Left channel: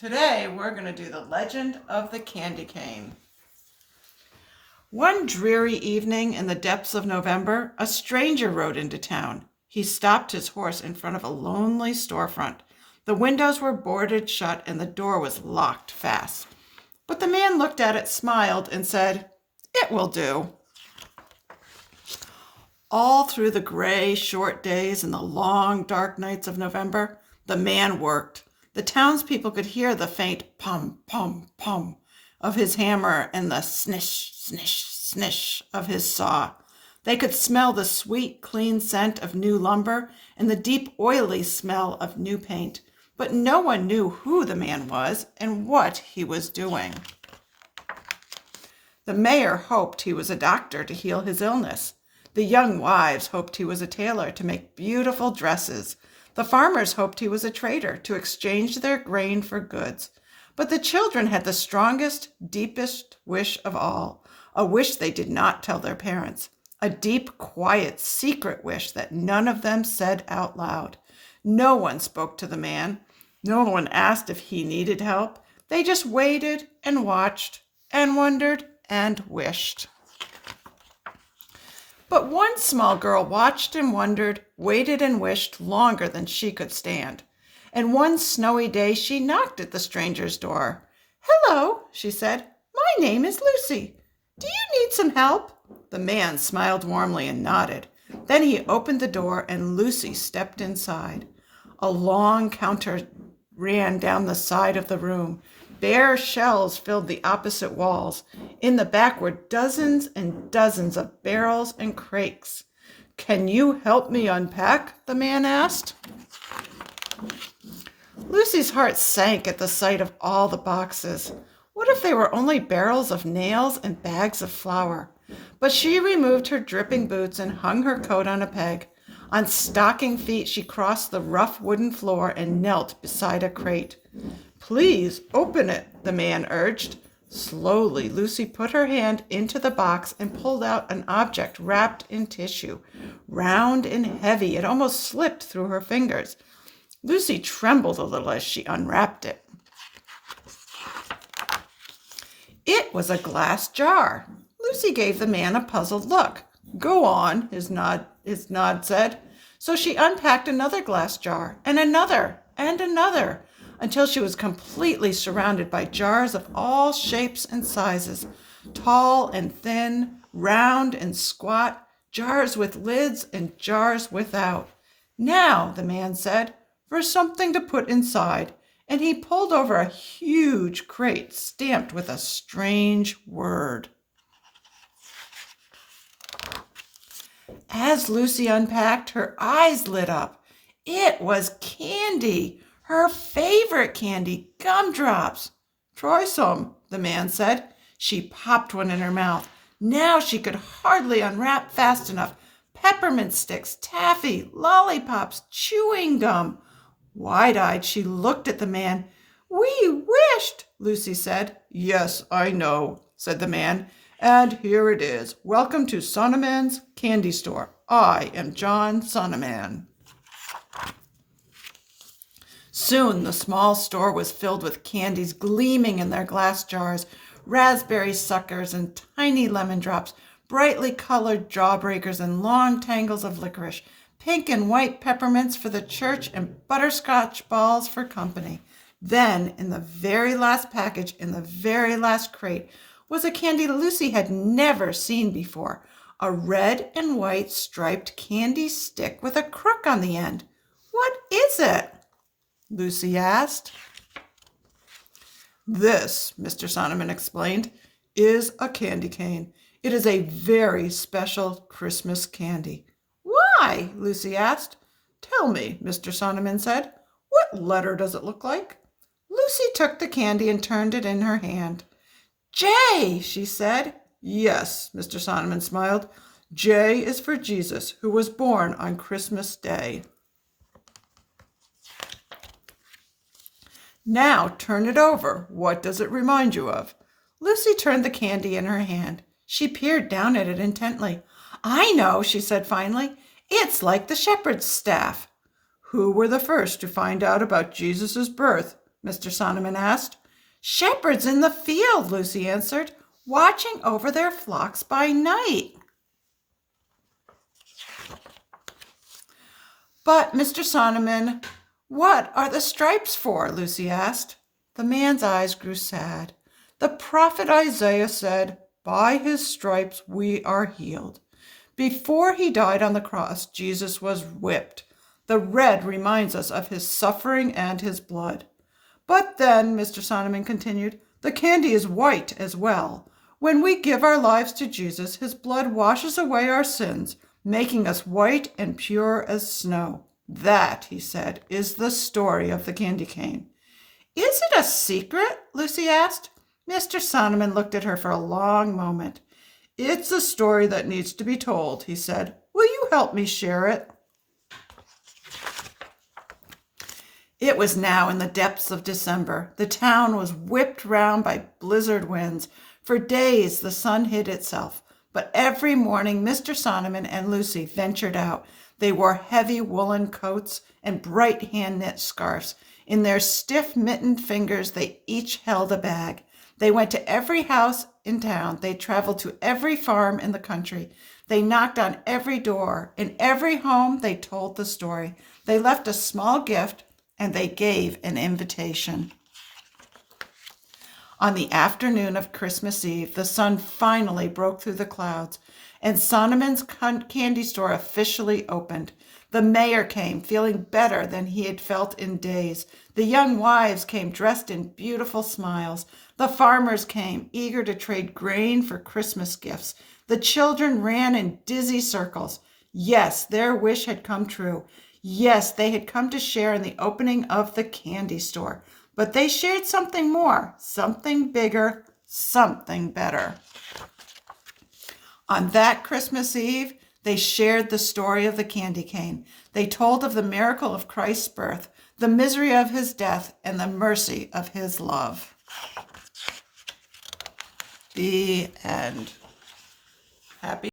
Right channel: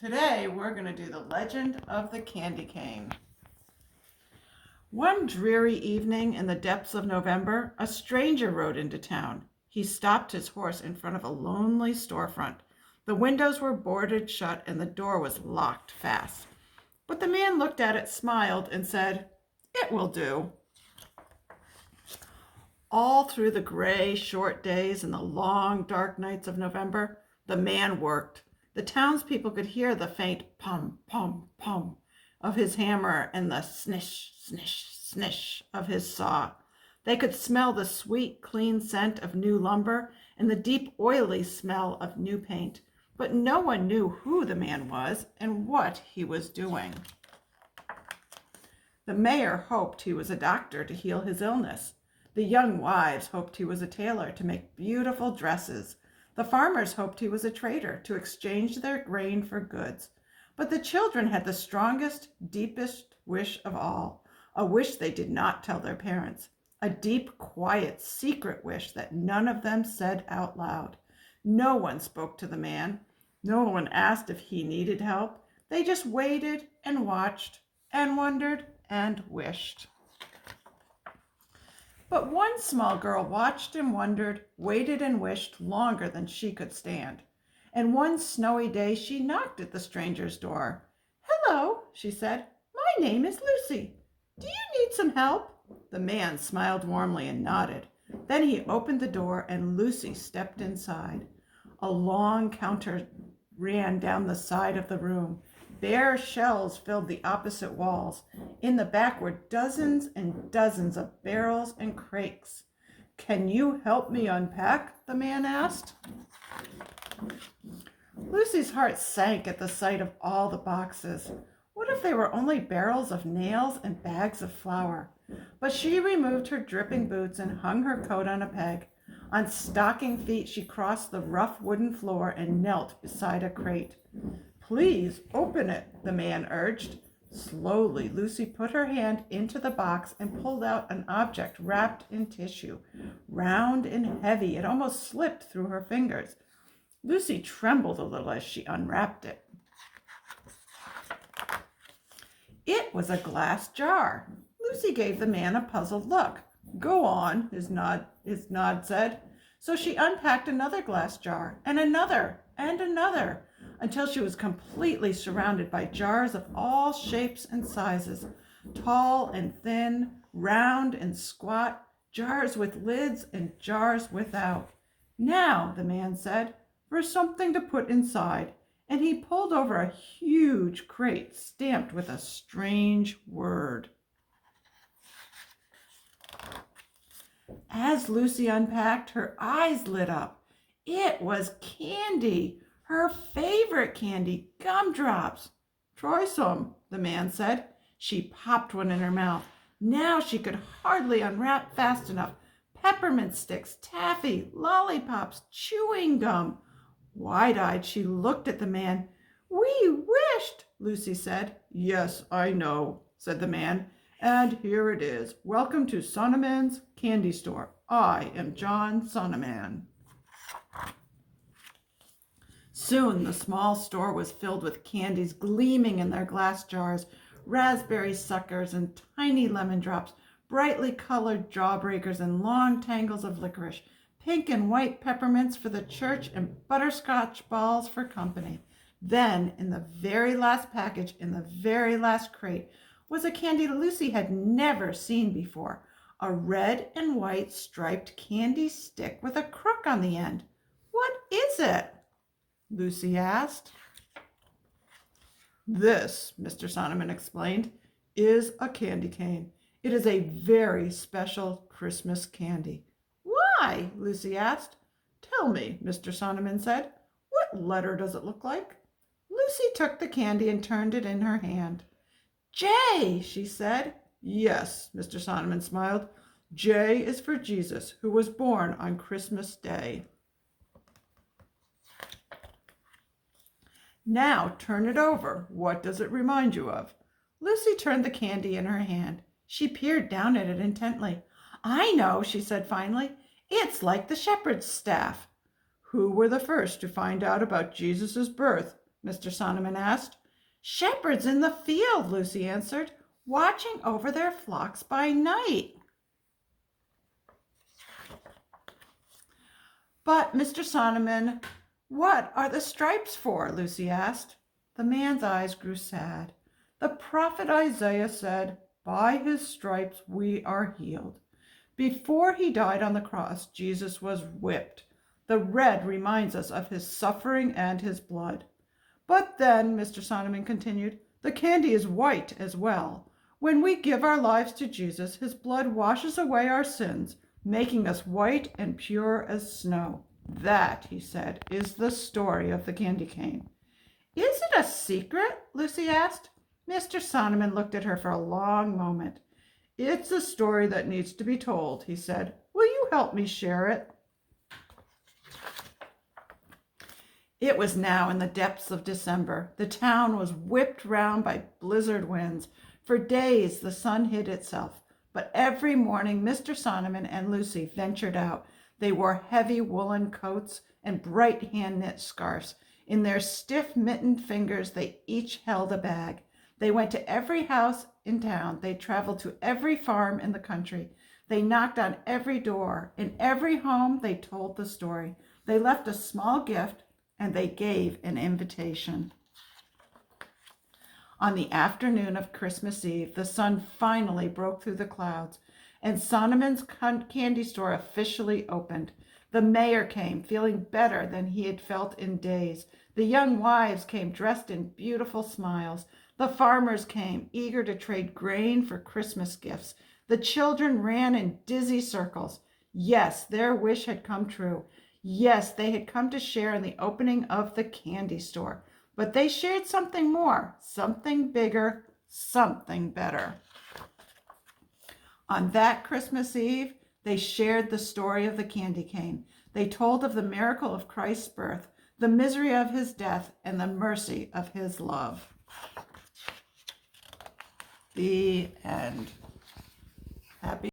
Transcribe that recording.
Today we're going to do the legend of the candy cane. One dreary evening in the depths of November, a stranger rode into town. He stopped his horse in front of a lonely storefront. The windows were boarded shut and the door was locked fast. But the man looked at it, smiled, and said, "It will do." All through the gray, short days and the long, dark nights of November, the man worked. The townspeople could hear the faint pum, pum, pum of his hammer and the snish, snish, snish of his saw. They could smell the sweet, clean scent of new lumber and the deep, oily smell of new paint. But no one knew who the man was and what he was doing. The mayor hoped he was a doctor to heal his illness. The young wives hoped he was a tailor to make beautiful dresses. The farmers hoped he was a trader to exchange their grain for goods. But the children had the strongest, deepest wish of all, a wish they did not tell their parents, a deep, quiet, secret wish that none of them said out loud. No one spoke to the man. No one asked if he needed help. They just waited and watched and wondered and wished. But one small girl watched and wondered, waited and wished longer than she could stand. And one snowy day she knocked at the stranger's door. "Hello," she said. "My name is Lucy. Do you need some help?" The man smiled warmly and nodded. Then he opened the door and Lucy stepped inside. A long counter ran down the side of the room. Bare shelves filled the opposite walls. In the back were dozens and dozens of barrels and crates. "Can you help me unpack?" the man asked. Lucy's heart sank at the sight of all the boxes. What if they were only barrels of nails and bags of flour? But she removed her dripping boots and hung her coat on a peg. On stocking feet, she crossed the rough wooden floor and knelt beside a crate. "Please open it," the man urged. Slowly, Lucy put her hand into the box and pulled out an object wrapped in tissue. Round and heavy, it almost slipped through her fingers. Lucy trembled a little as she unwrapped it. It was a glass jar. Lucy gave the man a puzzled look. "Go on," his nod said. So she unpacked another glass jar and another, until she was completely surrounded by jars of all shapes and sizes, tall and thin, round and squat, jars with lids and jars without. "Now," the man said, "for something to put inside," and he pulled over a huge crate stamped with a strange word. As Lucy unpacked, her eyes lit up. It was candy, her favorite candy, gumdrops. "Try some," the man said. She popped one in her mouth. Now she could hardly unwrap fast enough. Peppermint sticks, taffy, lollipops, chewing gum. Wide-eyed, she looked at the man. "We wished," Lucy said. "Yes, I know," said the man. "And here it is. Welcome to Sonneman's Candy Store. I am John Sonneman." Soon the small store was filled with candies gleaming in their glass jars, raspberry suckers and tiny lemon drops, brightly colored jawbreakers and long tangles of licorice, pink and white peppermints for the church and butterscotch balls for company. Then, in the very last package, in the very last crate, was a candy Lucy had never seen before, a red and white striped candy stick with a crook on the end. "What is it?" Lucy asked. "This," Mr. Sonneman explained, "is a candy cane. It is a very special Christmas candy." "Why?" Lucy asked. "Tell me," Mr. Sonneman said. "What letter does it look like?" Lucy took the candy and turned it in her hand. "J," she said. "Yes," Mr. Sonneman smiled. "J is for Jesus, who was born on Christmas Day." "Now turn it over. What does it remind you of?" Lucy turned the candy in her hand. She peered down at it intently. "I know," she said finally. "It's like the shepherd's staff." "Who were the first to find out about Jesus' birth?" Mr. Sonneman asked. Shepherds in the field, Lucy answered, watching over their flocks by night. But, Mr. Sonneman, what are the stripes for? Lucy asked. The man's eyes grew sad. The prophet Isaiah said, by his stripes we are healed. Before he died on the cross, Jesus was whipped. The red reminds us of his suffering and his blood. But then, Mr. Sonneman continued, the candy is white as well. When we give our lives to Jesus, his blood washes away our sins, making us white and pure as snow. That, he said, is the story of the candy cane. Is it a secret? Lucy asked. Mr. Sonneman looked at her for a long moment. It's a story that needs to be told, he said. Will you help me share it? It was now in the depths of December. The town was whipped round by blizzard winds. For days the sun hid itself. But every morning Mr. Sonneman and Lucy ventured out. They wore heavy woolen coats and bright hand-knit scarves. In their stiff mittened fingers they each held a bag. They went to every house in town. They traveled to every farm in the country. They knocked on every door. In every home they told the story. They left a small gift and they gave an invitation. On the afternoon of Christmas Eve, the sun finally broke through the clouds, and Sonneman's candy store officially opened. The mayor came, feeling better than he had felt in days. The young wives came dressed in beautiful smiles. The farmers came, eager to trade grain for Christmas gifts. The children ran in dizzy circles. Yes, their wish had come true. Yes, they had come to share in the opening of the candy store. But they shared something more, something bigger, something better. On that Christmas Eve, they shared the story of the candy cane. They told of the miracle of Christ's birth, the misery of his death, and the mercy of his love. The end. Happy